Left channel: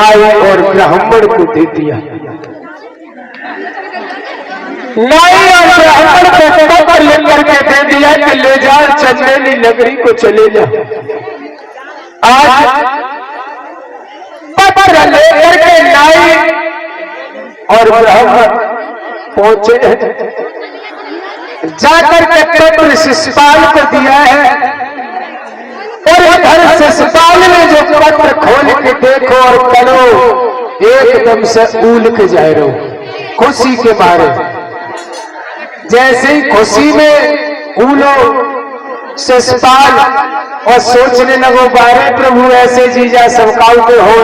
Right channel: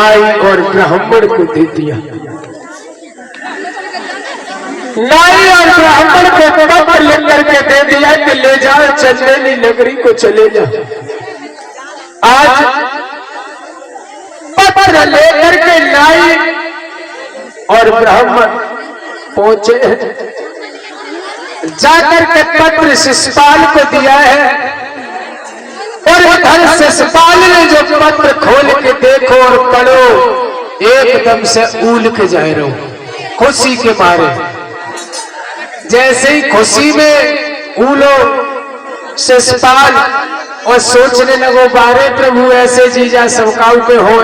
नाई और ब्राह्मण को दे दिया। नाई और ब्राह्मण को पत्र लेकर के दे दिया कि ले जा चंदेली नगरी को चले जा। आज पत्र लेकर के नाई और ब्राह्मण पहुंचे, जाकर के पत्र शिशुपाल को दिया है और इधर शिशुपाल ने जो पत्र खोल के देखो और पढ़ो, एकदम से उल के जा रहे हो खुशी के मारे। जैसे ही खुशी में उलो शिशुपाल और सोचने लगो बारे प्रभु ऐसे जीजा सबकाऊ के हो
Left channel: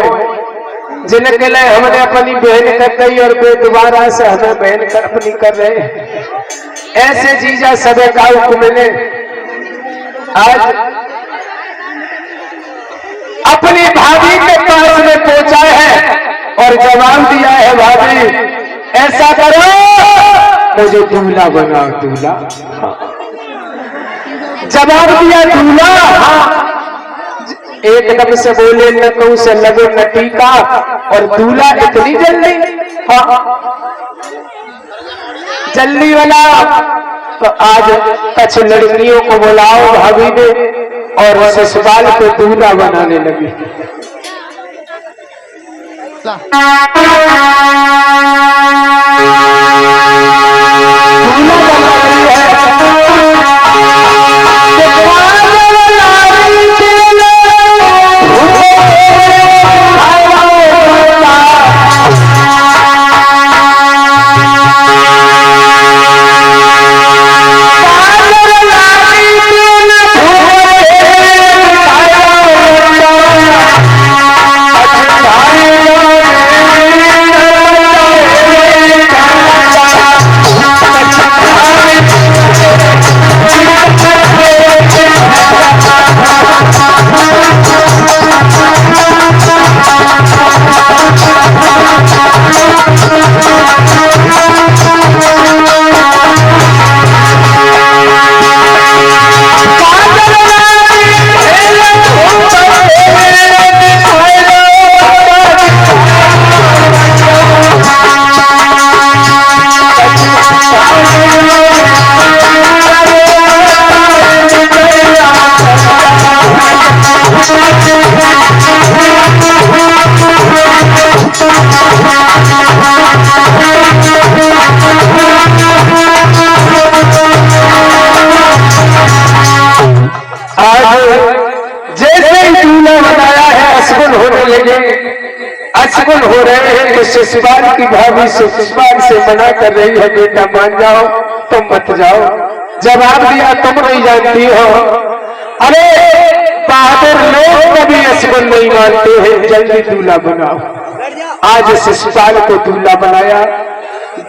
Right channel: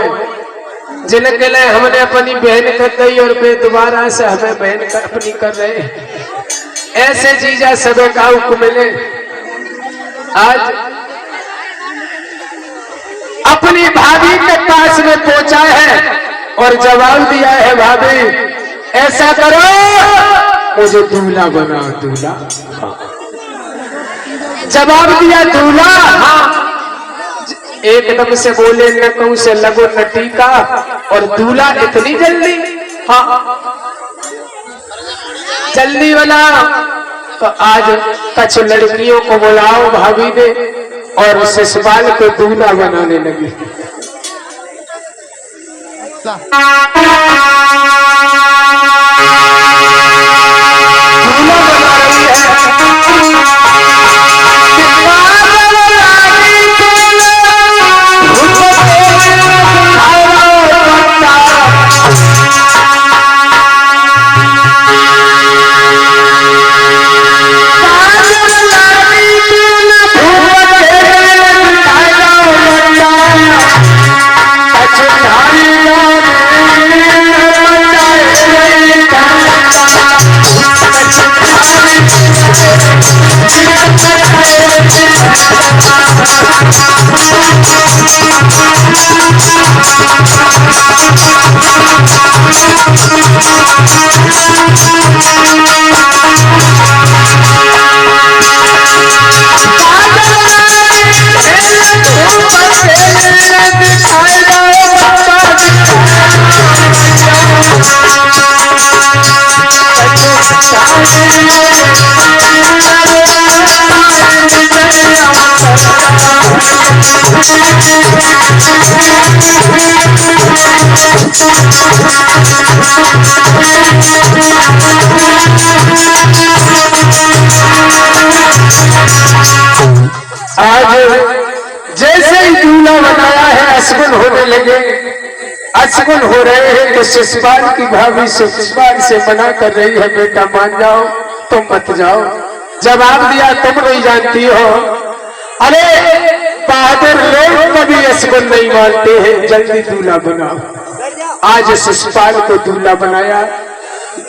जिनके लिए हमने अपनी बहन कर दी और वे दोबारा से हमें बहन अपनी कर रहे, ऐसे जीजा सबकाऊ को मिले। आज अपनी भाभी के पास में पहुंचा है और जवाब दिया है भाभी ऐसा करो मुझे दूल्हा बनाओ। दूल्हा जवाब दिया दूल्हा, हाँ एकदम से बोले न कहूं से लगो न टीका और दूल्हा इतनी जल्दी, हाँ जल्दी वाला। तो आज कुछ लड़कियों को बुलाओ भाभी ने और शिशुपाल को दूल्हा बनाने लगी। दूल्हा बना रही है अशगुन हो रहे हैं तो शिशुपाल की भाभी शिशुपाल से मना कर रही है बेटा मान जाओ तुम मत जाओ। जवाब दिया तुम नहीं जानती हो, अरे बहादुर लोग कभी अशगुन नहीं मानते हैं, जल्दी दूल्हा बनाओ। आज शिशुपाल को दूल्हा बनाया,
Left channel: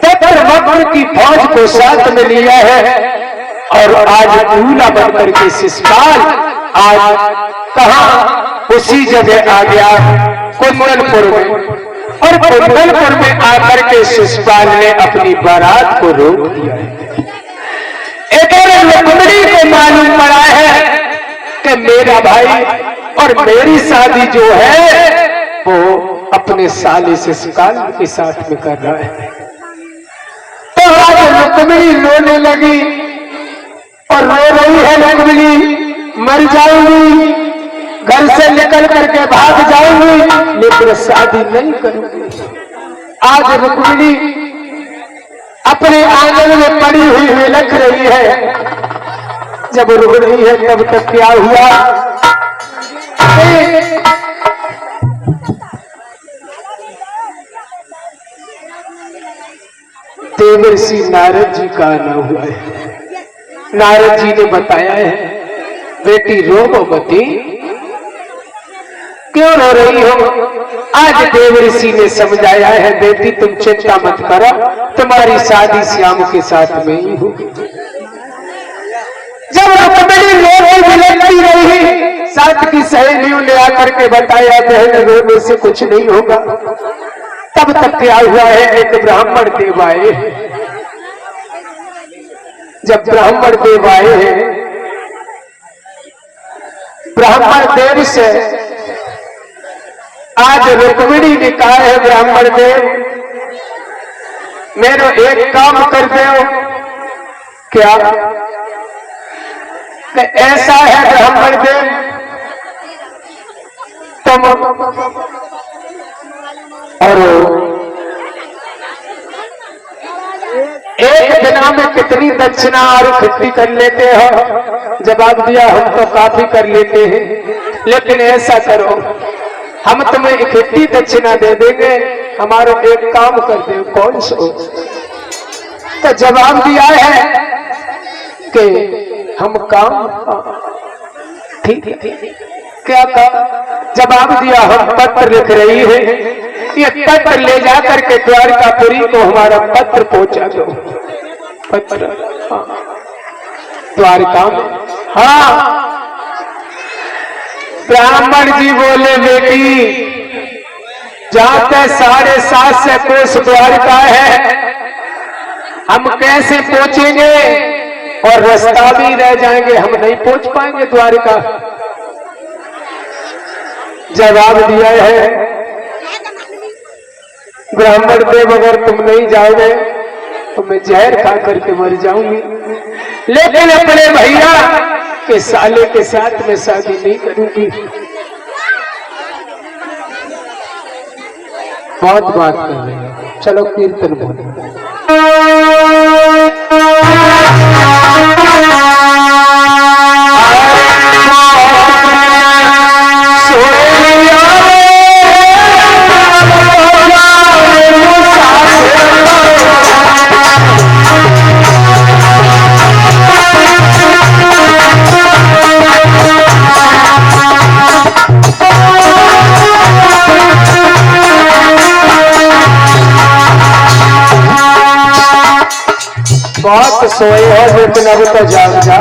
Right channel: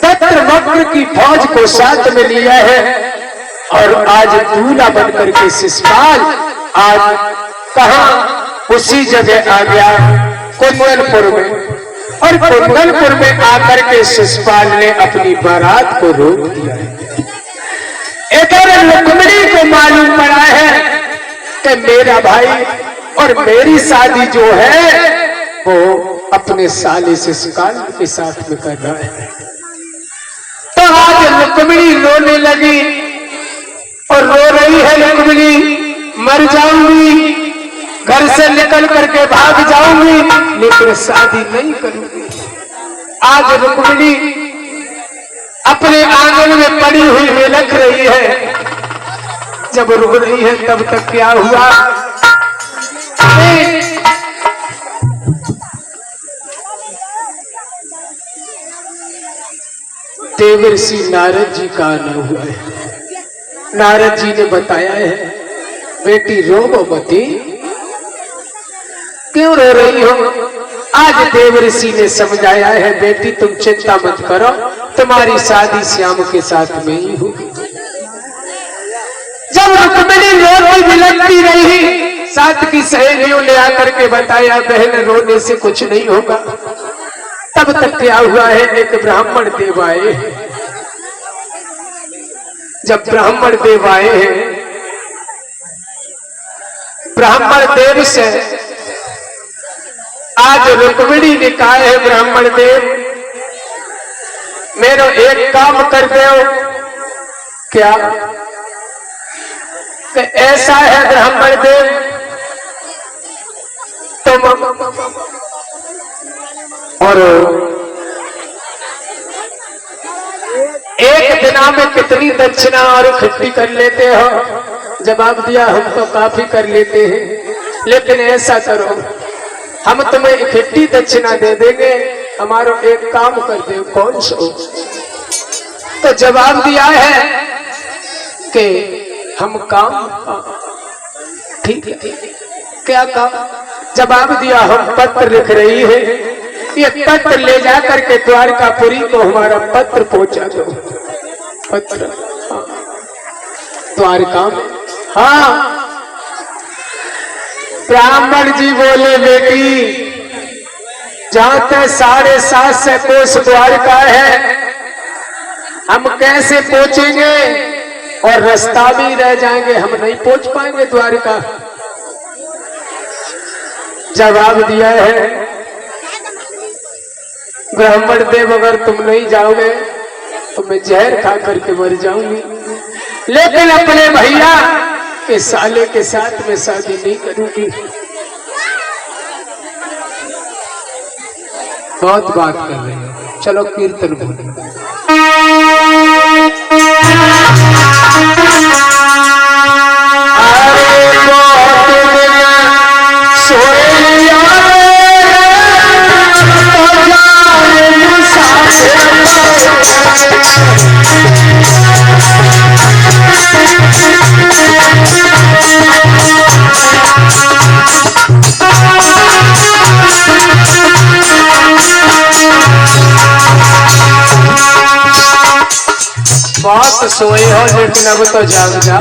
दत्तवक्र की फौज को साथ में लिया है और आज दूल्हा बनकर के शिशुपाल आज कहा उसी जगह आ गया कुंदनपुर में, और कुंदनपुर में आकर के शिशुपाल ने अपनी बारात को रोक दिया है। इधर रुक्मिणी को मालूम पड़ा है कि मेरा भाई और मेरी शादी जो है वो अपने साले शिशुपाल के साथ में कर रहा है। तो आज रुक्मिणी रोने लगी और रो रही है रुक्मिणी मर जाऊंगी, घर से निकल करके भाग जाऊंगी, लेकिन शादी नहीं करूंगी। आज रुक्मिणी अपने आंगन में पड़ी हुई लख रही है। जब रुक रही है तब तक क्या हुआ, देवर्षि नारद जी का आना हुआ है। नारद जी ने बताया है बेटी रो मती, क्यों रो रही हो। आज देवर्षि ने समझाया है बेटी तुम चिंता मत करो, तुम्हारी शादी श्याम के साथ में ही होगी। जब रुक्मिणी रोती बिलखती रही, साथ की सहेलियों ने आकर के बताया बहन रोने से कुछ नहीं होगा। तब तक क्या हुआ है एक ब्राह्मण देव आए। जब ब्राह्मण देव आए हैं, ब्राह्मण देव से आज रुक्मिणी ने कहा है ब्राह्मण देव मेरो एक काम कर दो। क्या? तो ऐसा है ब्राह्मण देव तुम और एक दिना में कितनी दक्षिणा और इकट्ठी कर लेते हो? जवाब दिया हम तो काफी कर लेते हैं, लेकिन ऐसा करो हम तुम्हें इकट्ठी दक्षिणा दे देंगे, हमारा एक काम कर दो। कौन सो? तो जवाब दिया है कि हम काम ठीक है। क्या कहा? जवाब दिया हम पत्र लिख रही है, ये पत्र ले जाकर के द्वारकापुरी को हमारा पत्र पहुंचा दो। पत्र हाँ। द्वारका में हाँ। ब्राह्मण जी बोले बेटी जाते 7.5 कोस द्वारका है, हम कैसे पहुंचेंगे? और रास्ता भी रह जाएंगे, हम नहीं पहुंच पाएंगे द्वारका। जवाब दिया है ब्राह्मण देव अगर तुम नहीं जाओगे तो मैं जहर खा करके मर जाऊंगी, लेकिन अपने भैया के साले के साथ मैं शादी नहीं करूंगी। बहुत बात कर रहे हैं, चलो कीर्तन बोले। बहुत सोए हो लेकिन अब तो जाग जा।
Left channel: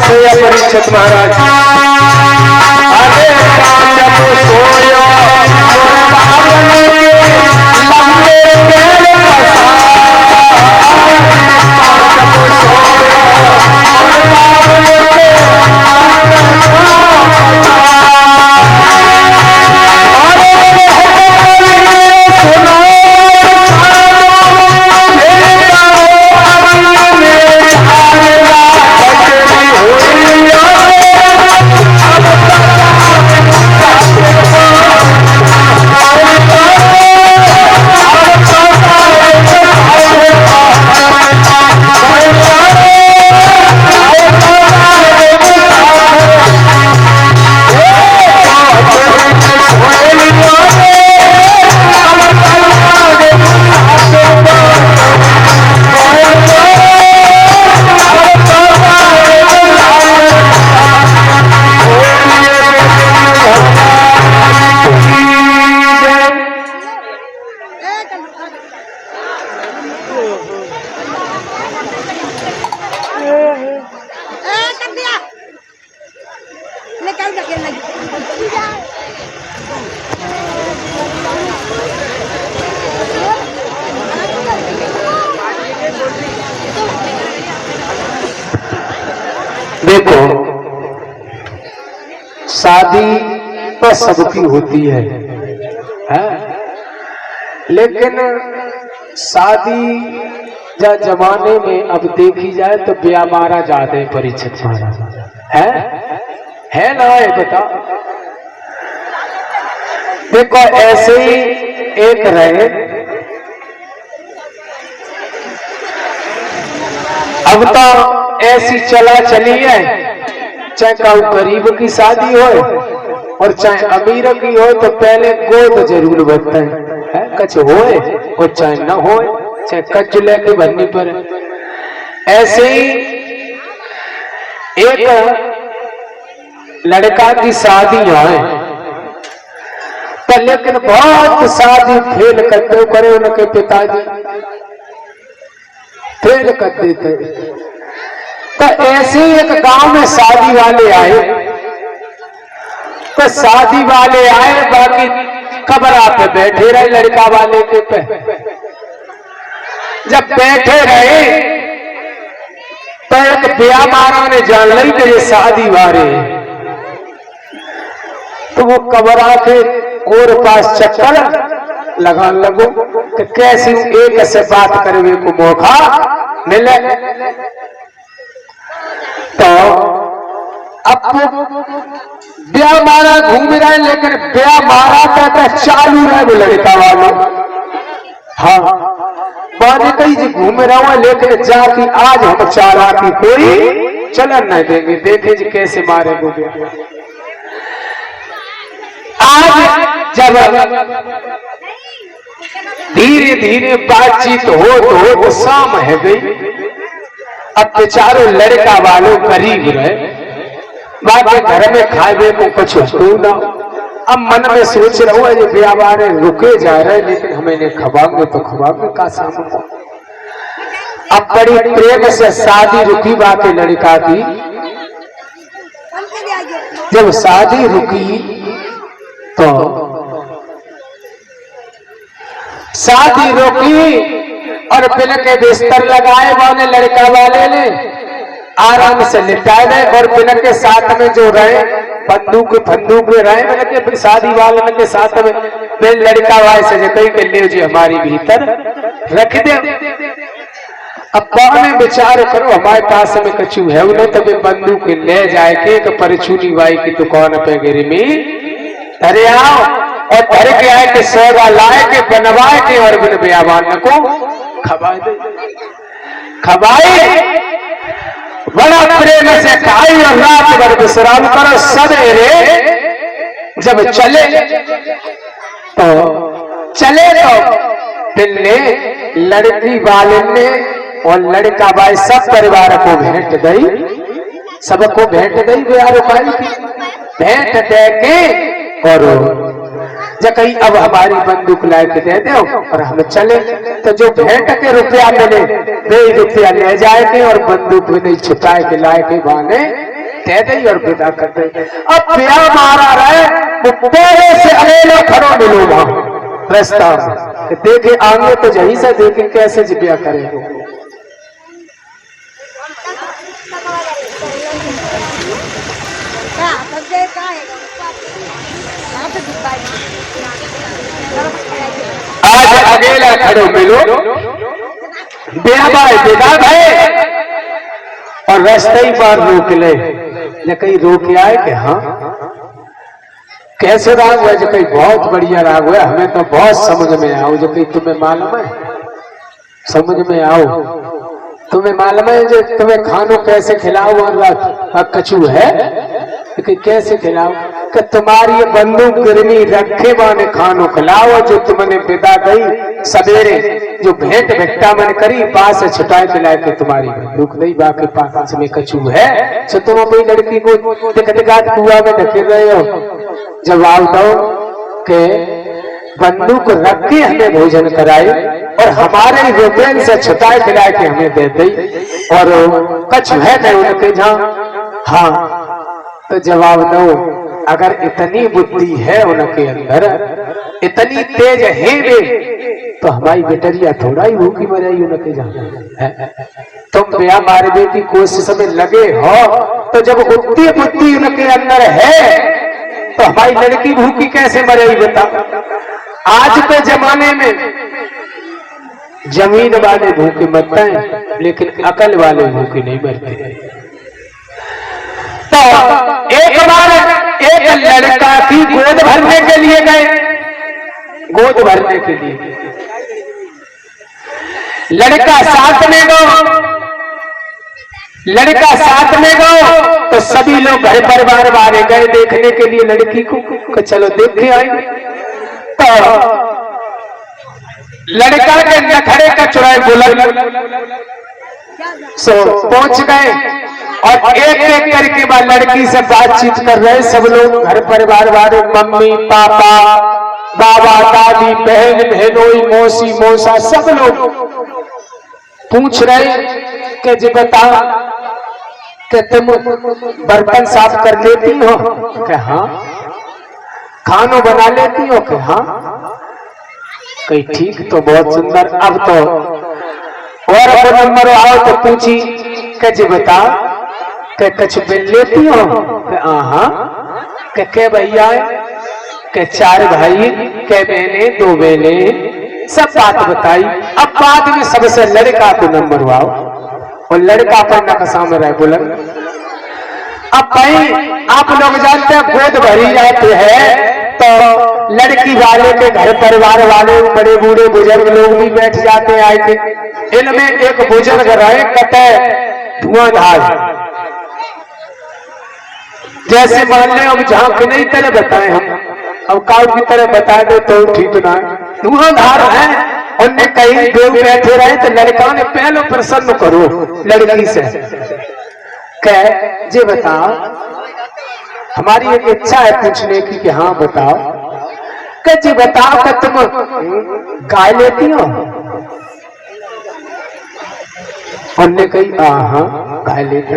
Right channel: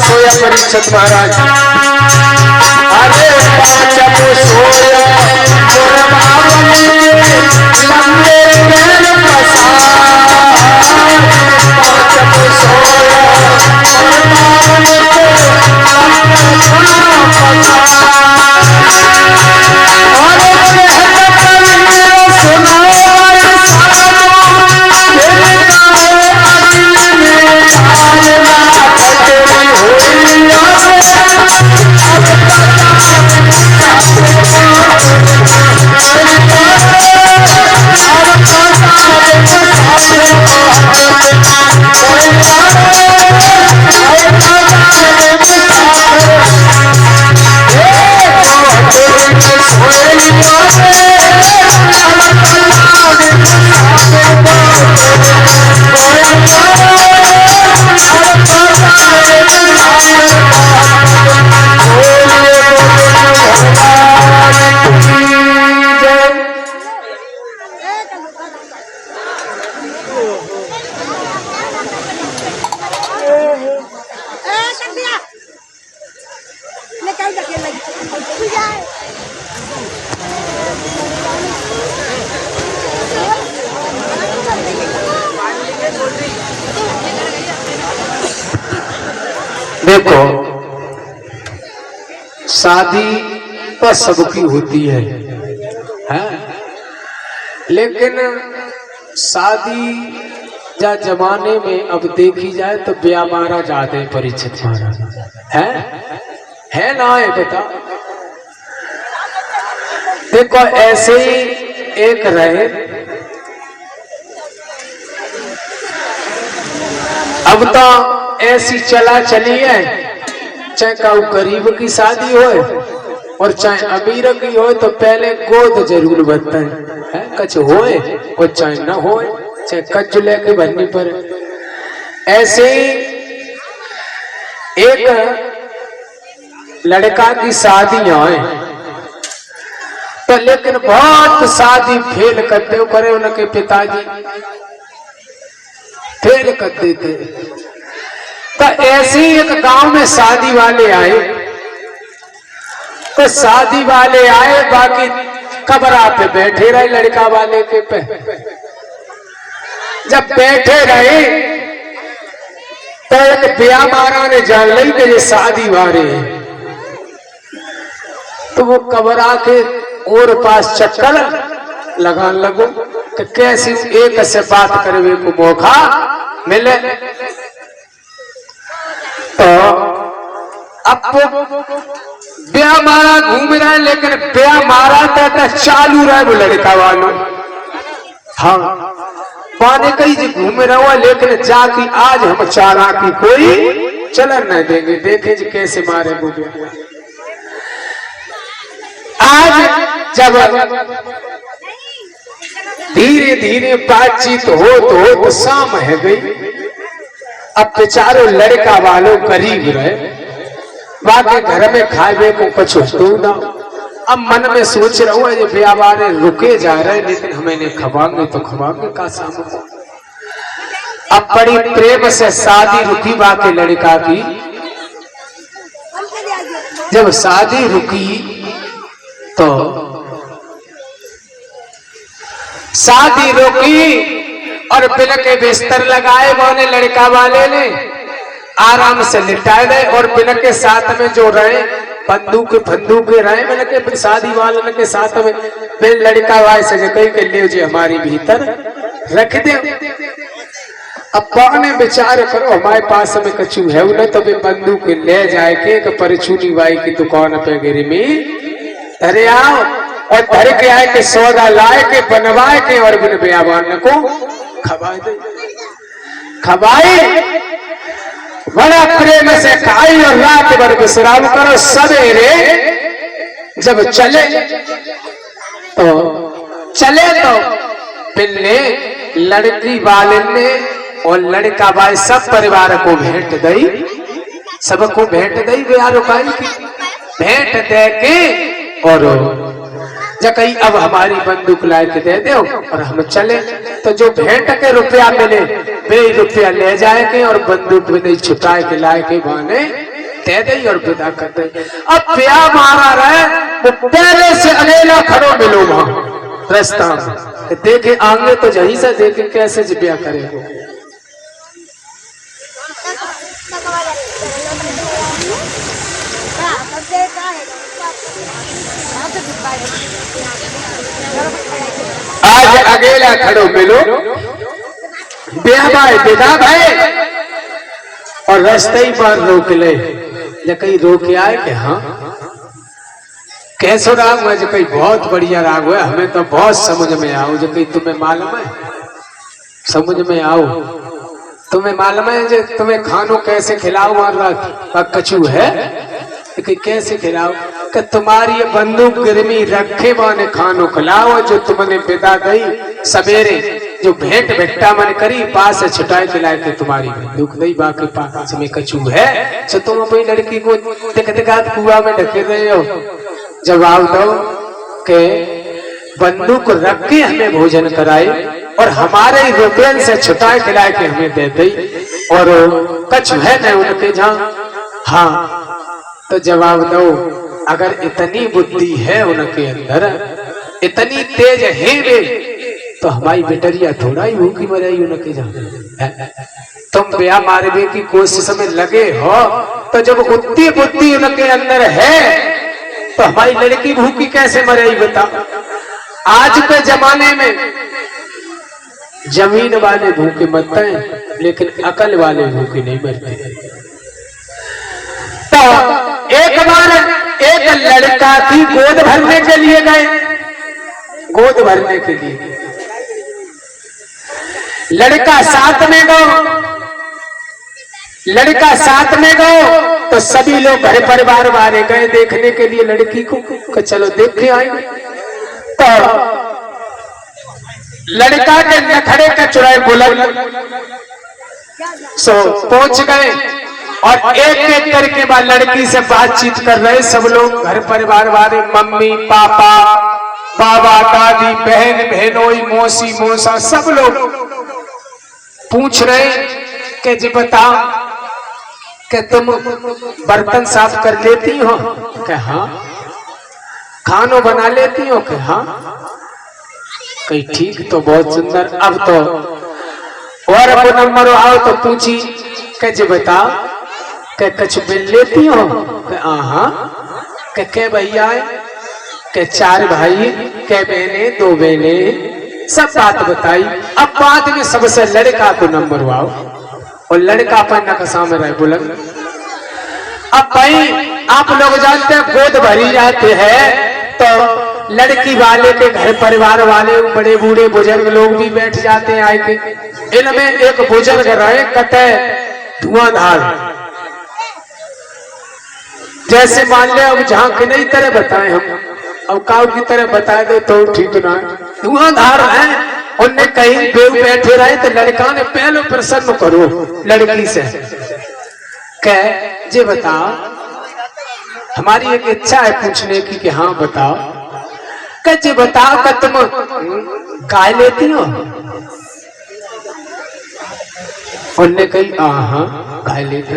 सोया परीक्षित महाराज, अरे पांचम सोया लंबे पांचम सोया देखो, शादी तो सबकी होती है, लेकिन शादी या जमाने में अब देखी जाए तो ब्याह ज्यादा परिचित है ना, है बता। देखो ऐसे ही एक रहे, अब तो ऐसी चला चली है, चाहे कहूँ गरीब की शादी हो और चाहे अमीर की हो, तो पहले गोद जरूर बनता है, कछ होए और चाहे न होए, चाहे कच लेके बननी पड़े। ऐसे ही एक लड़का की शादी है, तो लेकिन बहुत शादी फेल करते करे, उनके पिताजी फेल कर देते। तो ऐसे एक गांव में शादी वाले आए, तो शादी वाले आए, बाकी कबरा पे बैठे रहे लड़का वाले के पे। जब बैठे रहे तो एक ब्याह मारा ने जान ली कि ये शादी वाले हैं, तो वो कबरा के और पास चक्कर लगा लगो कि कैसे एक से बात करने को मौका मिले। तो अब ब्याह मारा घूम रहा है, लेकिन ब्याह मारा था चालू रहा वो लड़का वाले। हाँ, माने कहीं जी घूम रहा हुआ, लेकिन जाके आज हम चाला की कोई चलन नहीं देंगे, देखे जी कैसे मारे वो ब्याह। आज जब धीरे धीरे बातचीत हो शाम है गई। अब बेचारे लड़का वालों करीब रहे, बाकी घर में खाए को कुछ हो ना। अब मन में सोच रहा हुआ, ये ब्याह वाले रुके जा रहे, लेकिन हमें नहीं खवाएंगे तो खवाएंगे का सामने। अब बड़ी प्रेम से शादी रुकी बाकी लड़का की। जब शादी रुकी तो शादी रोकी और बिल के बिस्तर लगाए, वो लड़का वाले ने आराम से लिटा दे, और बिल के साथ में जो रहे बंदूक रहे, बिल के शादी वाले के साथ में बिल लड़का वाले से जो कही के ले जी हमारी भीतर रख दे। अब कौन विचार करो, हमारे पास में कछु है ना, तो बंदूक ले जाए के परचूनी वाई की दुकान पे गिरी में अरे आओ, और धर के आए के सौदा लाए के बनवाए के, और बिन ब्याहवान को खवाए दे। खवाए बड़ा प्रेम से खाई और रात भर विश्राम करो। सवेरे जब चले तो पिल्ले लड़की वाले ने और लड़का भाई सब परिवार को भेंट दई, सबको भेंट दई भाई की भेंट दे के और जकई अब हमारी बंदूक ला के दे दो और हम चले। तो जो भेंट के रुपया मिले वे रुपया ले जाएंगे और बंदूक में नहीं छुपाए के लाए के बहाने दे दई और विदा कर दे। अब ब्याह मारा रहे वो पहले से अकेला खड़ो मिलो वहां रास्ता देखे आगे तो यही से देखे कैसे ब्याह करेगा। आज अकेला खड़ो मिलो बेदा भाई और रास्ते ही पर रोक ले कहीं रोक आए कि हाँ कैसे राग हुआ जो कहीं बहुत बढ़िया राग हुआ हमें तो बहुत समझ में आओ जो कहीं तुम्हें मालूम है समझ में आओ तुम्हें मालूम है जो तुम्हें खानो कैसे खिलाओ और कछू है कि कैसे खिलाओ कि तुम्हारी बंदूक गर्मी रखे माने खानो खिलाओ जो तुमने विदा गई सवेरे जो भेंट भेट्टा मन करी पास से छुटाए खिलाए के तुम्हारी बंदूक नहीं बाकी पास में कछू है तो तुम अपनी लड़की को दिख दिखात कुआ में ढके रहे हो। जवाब दो के बंदूक रख के हमें भोजन कराए और हमारे रुपये से छुटाए खिलाए के हमें दे दी और कछु है न उनके जहाँ। हाँ तो जवाब दो अगर इतनी बुद्धि है उनके अंदर इतनी तेज है वे तो हमारी बेटरिया थोड़ा ही होगी मरेगी उनके जहाँ। तुम ब्याह मारने की कोशिश में लगे हो तो जब उतनी बुद्धि उनके अंदर है तो हमारी लड़की भूखी कैसे मरेगी बता। आज के जमाने में जमीन वाले भूखे मरते हैं लेकिन अकल वाले भूखे नहीं मरते। तो एक बार एक लड़का की गोद भरने के लिए गए गोद भरने के लिए लड़का साथ में गो तो सभी लोग घर परिवार वाले गए देखने के लिए लड़की को चलो देख के आए। तो लड़का के नखड़े का चुराए बुलंद सो पहुंच गए और एक एक करके बाद लड़की से बातचीत कर रहे सब लोग घर परिवार वाले मम्मी पापा बाबा दादी बहन बहनोई मौसी मौसा सब लोग पूछ रहे कि जी बताओ कि तुम बर्तन साफ कर लेती हो कि हाँ खाना बना लेती हो कि हाँ कहीं ठीक तो बहुत सुंदर। अब तो और अब नंबर आओ तो पूछी कि जी बताओ कि कुछ बिल लेती हो कि हाँ के भैया के 4 भाई के बहने 2 बहने सब बात बताई। अब बाद में सबसे लड़का को नंबर आओ और लड़का पर नक्शा में रहे बुलंद। अब भाई आप लोग जानते हैं गोद भरी जाते हैं तो लड़की वाले के घर परिवार वाले बड़े बूढ़े बुजुर्ग लोग भी बैठ जाते हैं आए थे। इनमें एक बुजुर्ग रहे कटे धुआंधार जैसे मान ले अब जहां की नहीं तरह बताए हम अब काउ की तरह बता दे तो ठीक ना धुआंधार है। उनने कहीं देव बैठे रहे तो लड़का ने पहले प्रसन्न करो लड़की से कह जे बताओ हमारी एक इच्छा है पूछने की कि हाँ बताओ कह जे बताओ कि तुम गाय लेती हो। उनने कही हाँ गाय लेते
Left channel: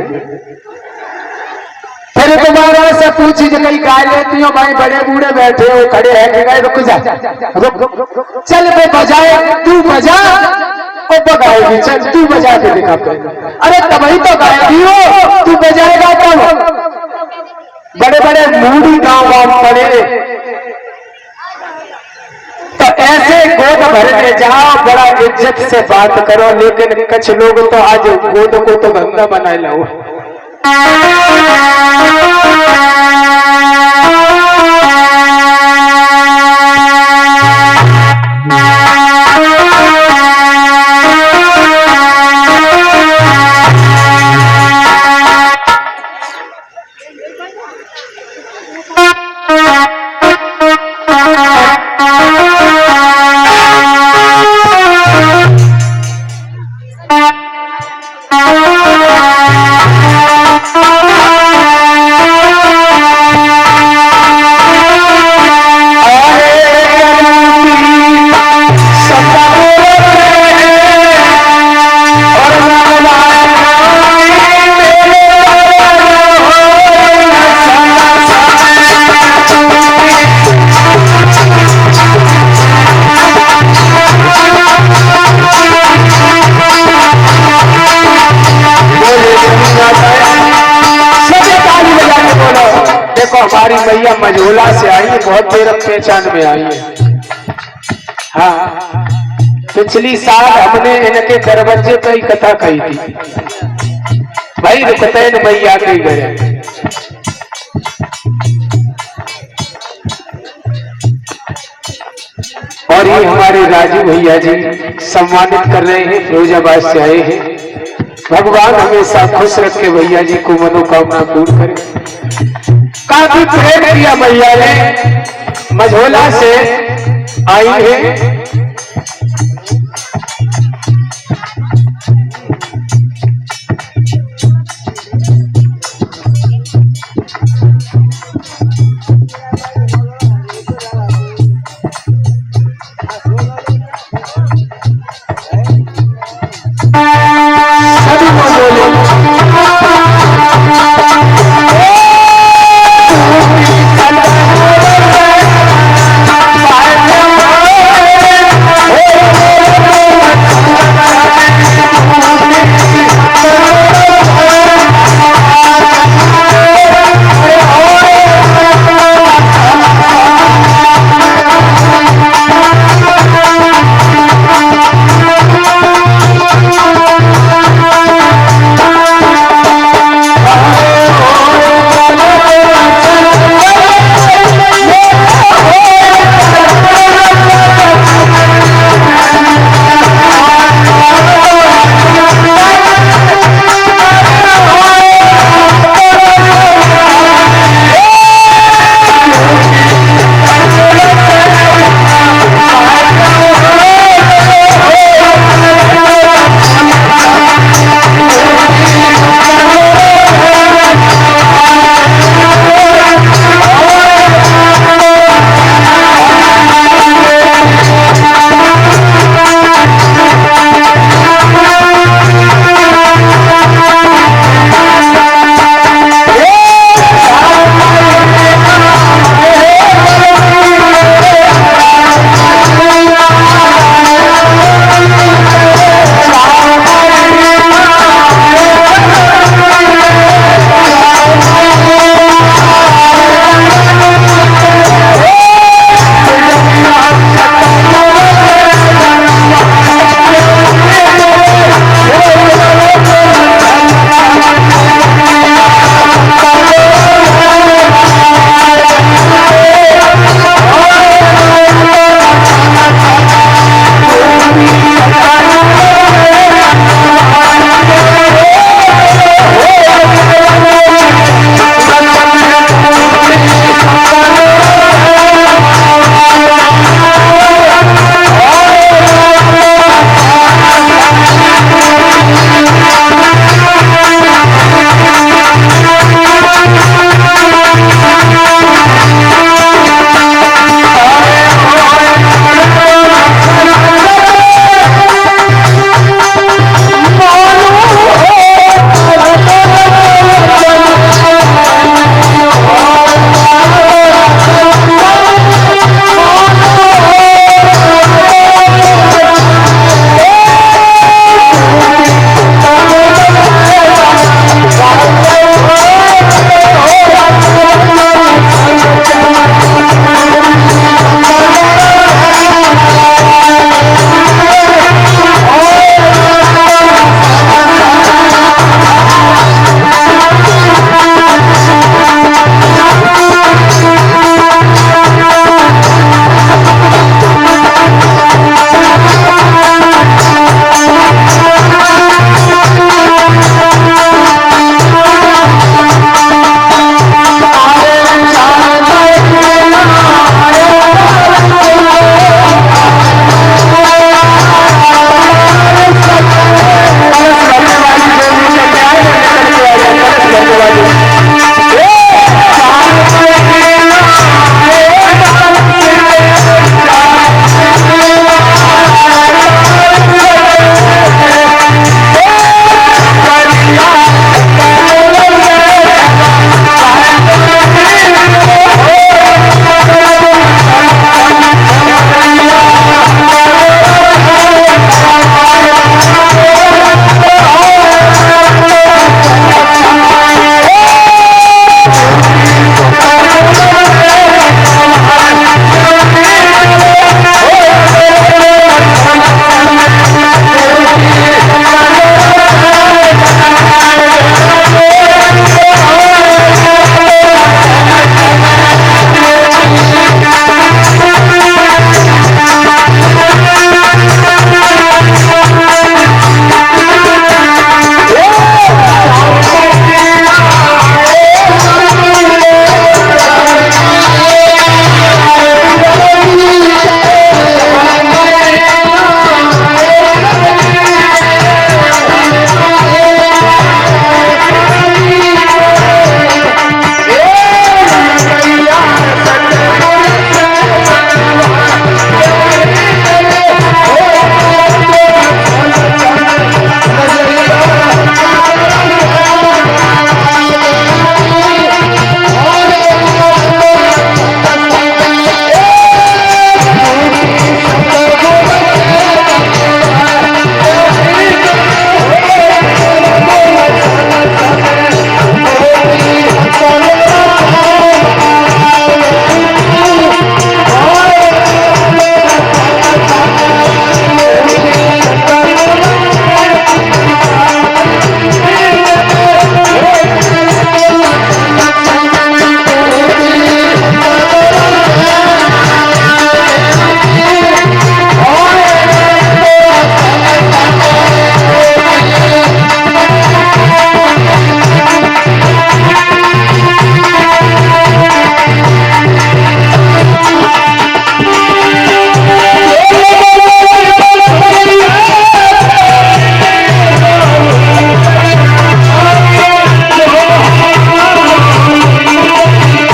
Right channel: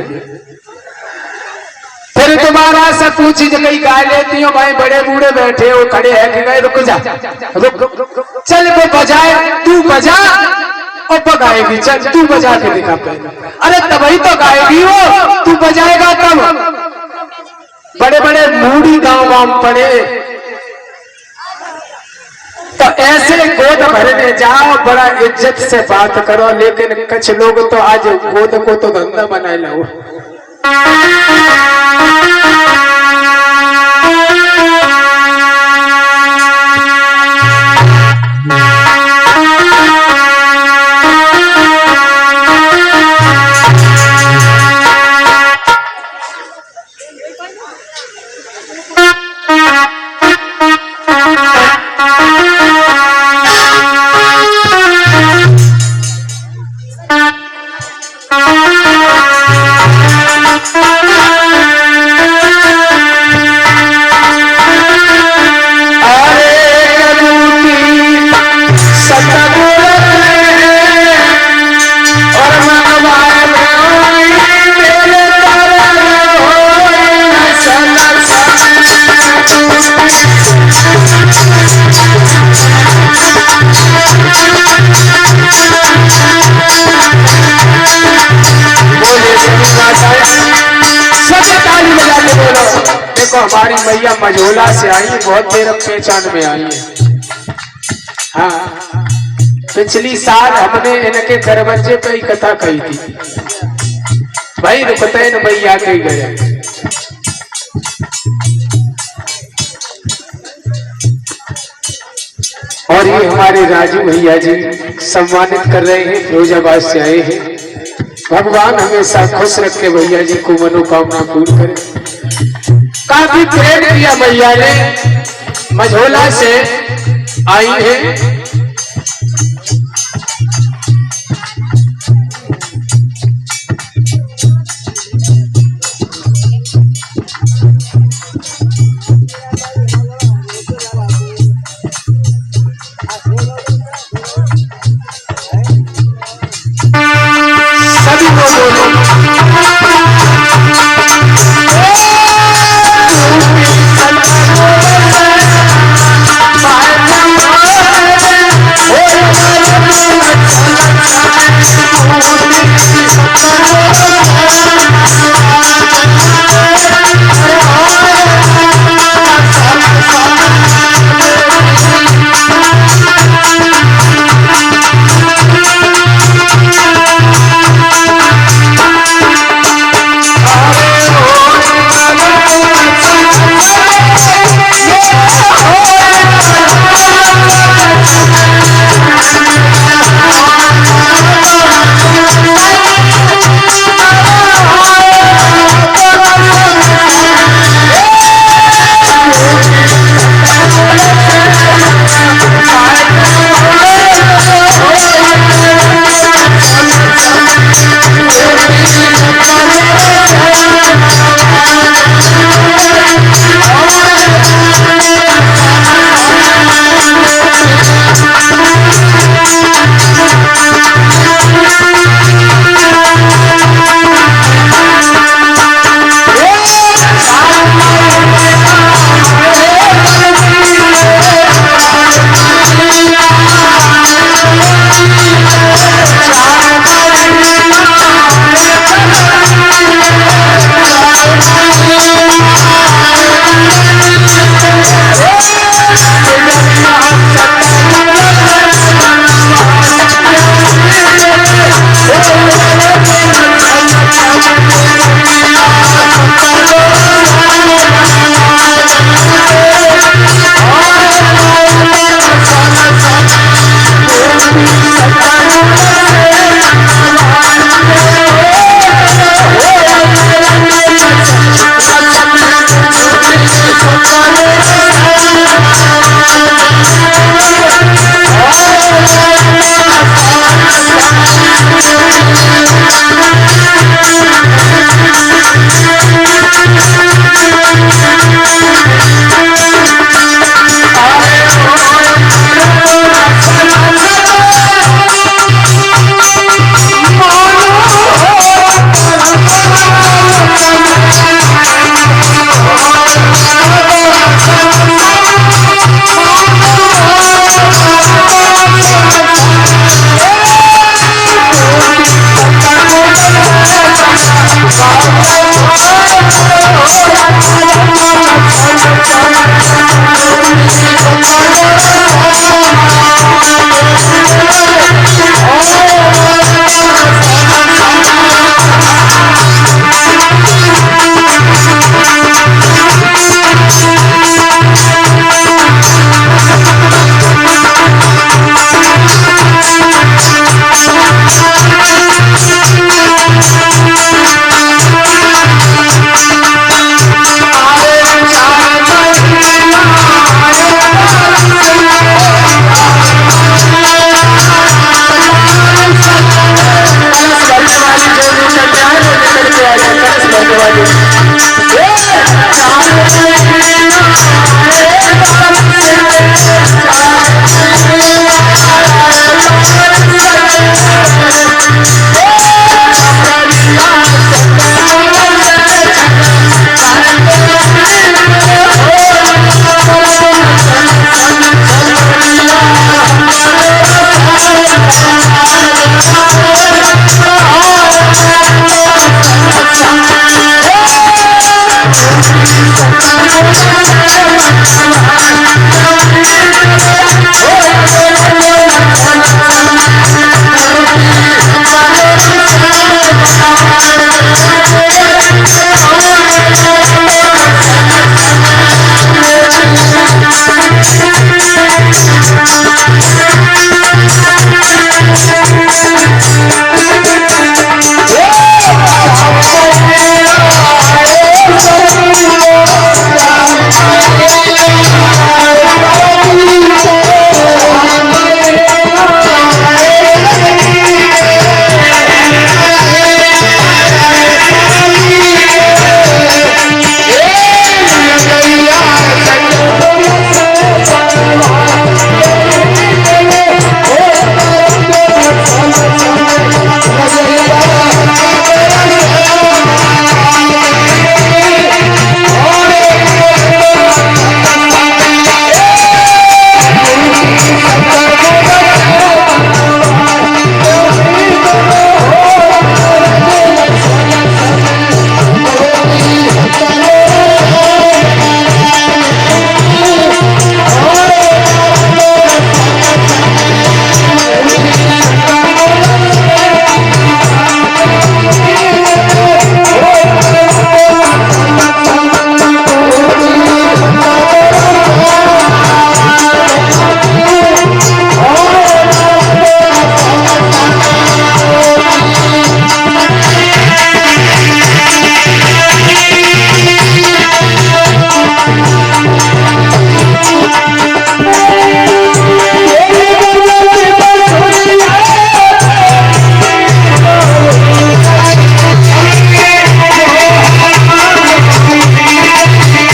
फिर दोबारा से पूछी जो कहीं गाय लेती हो भाई बड़े बूढ़े बैठे हो खड़े हैं कि गए रुक जा रुक चल वो बजाए तू बजा वो बगाएगी चल तू बजा के दिखा पे। अरे तभी तो गाएगी हो तू बजाएगा तब। बड़े बड़े मूडी गांव पड़े तो ऐसे गोद भरने जाओ बड़ा इज्जत से बात करो लेकिन कुछ लोग तो आज गोद को तो धंधा बना लो। देखो हमारी मैया मझोला से आई है, बहुत देर पहचान में आई है। हाँ, पिछली साल हमने इनके दरवाजे पे ही कथा कही थी, भाई रुकते न मैया के गए। और ये हमारे राजू भैया जी सम्मानित कर रहे हैं, फिरोजाबाद से आए हैं। भगवान हमेशा खुश रखे भैया जी को, मनोकामना पूर्ण करे। काफी प्रेम किया भैया ने, मझोला से आई है। सभी